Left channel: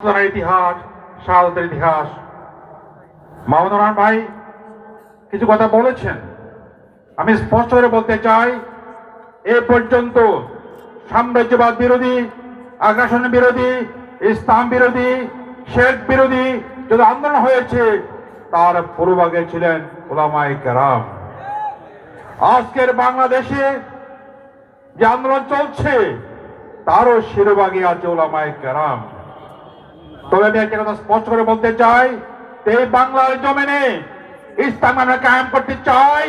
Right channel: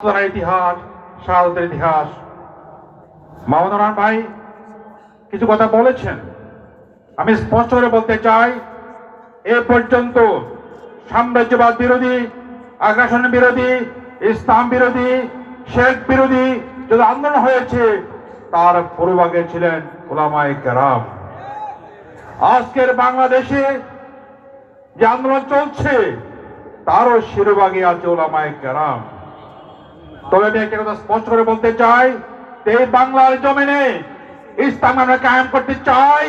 ইতিহাস, শাহাদাতের ইতিহাস। মাহমুদুর রহমান ভাই কিছু কথা বলেছেন, আমি স্পষ্ট করে বলতে চাই, এ পর্যন্ত সাম্রাজ্যবাদ বিরোধী, আগ্রাসন বিরোধী, ইসলাম বিরোধী, শেখ বিরোধী যদি আন্দোলন হয়েছে তার পূর্বভাগে ছিলেন উলামায়ে কেরাম। আজকের বাংলাদেশে যে আন্দোলন চলছে তারও শিরোভাগে আছে উলামায়ে কেরাম। তবে আমি একটা কথা স্পষ্ট করে বলতে চাই, এই বাংলার জমিনে ইসলাম আমরা কায়েম করতে চাই,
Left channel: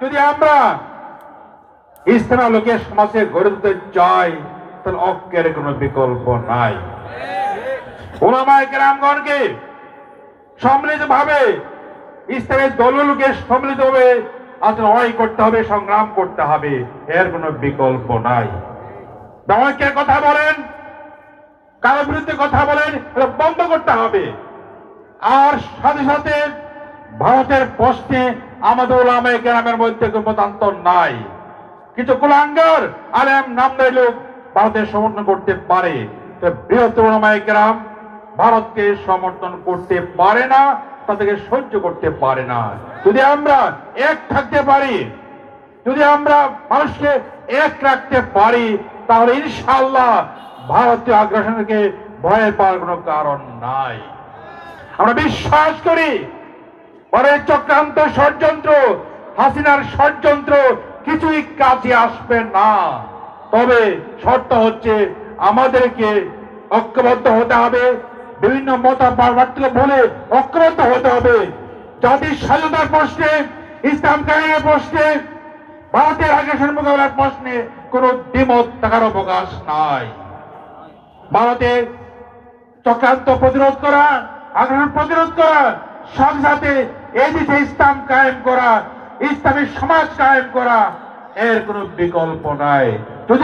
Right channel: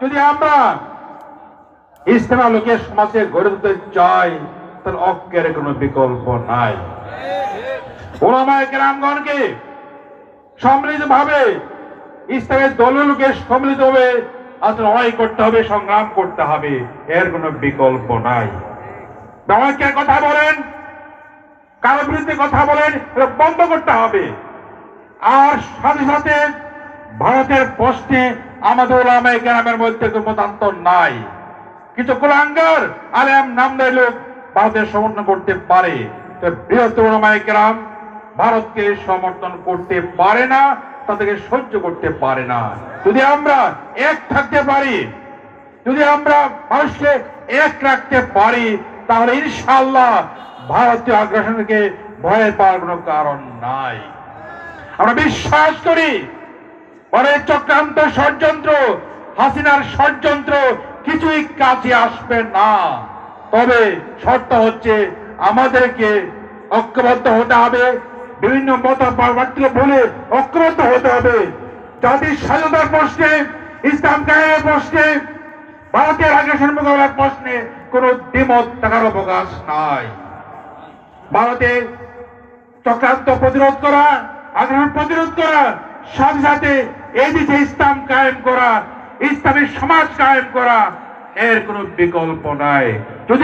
যদি আমরা ইসলাম লোকের সমাজে গড়ে তুলতে চাই, তাহলে ঐক্যের কোনো বিকল্প নাই। উলামায়ে কেরামগণকে সম্মিলিতভাবে ইসলামের দলগুলোকে সম্মিলিতভাবে লড়াই করতে হবে, সংগ্রাম করতে হবে, এর কোনো বিকল্প নাই। ঐক্যের কথা বলেন, কারো বিরুদ্ধে কথা বলেন, এটা বন্ধ করতে হবে। আর সাথে সাথে ভারতের প্রশ্নে আমাদের উলামায়ে কেরামের মধ্যে কোনো মতান্তর নাই। কিছু কুলাঙ্গার আলেম নামদারি লোক ভারতের সমর্থন করতে পারে, বৃহত্তর উলামায়ে কেরাম ভারতকে সমর্থন করতে পারে না, তাদেরকে সহ্য করতে পারে না। যদি আমরা এক থাকতে পারি, যদি আমরা মানুষকে এক রাখতে পারি, তাহলে ইনশাআল্লাহ ভারতীয় আগ্রাসনকে ভয় পাওয়ার কোনো কারণ নাই। আমরা বিশ্বাস করি পরের চক্রান্ত, ষড়যন্ত্র, হাসিনার ষড়যন্ত্র কিছুই কাজে আসবে না। তবে শর্ত হচ্ছে আমাদেরকে ঐক্যবদ্ধ হতে হবে, বিভিন্ন মতপার্থক্য বলে ঐক্যবদ্ধ হতে হবে। জাতির স্বাধীনতার প্রশ্নে, ইসলাম কায়েমের প্রশ্নে, ভারতের আগ্রাসন মোকাবেলার প্রশ্নে কোনো দ্বিমত থাকার অবকাশ নাই। ভারতের চক্রান্ত প্রতিরোধ করা, আগ্রাসন প্রতিরোধ করা, সাথে সাথে এই দেশে ইসলাম কায়েম করা, ইসলামের সমাজ কায়েম করা, এর কোনো বিকল্প নাই। যদি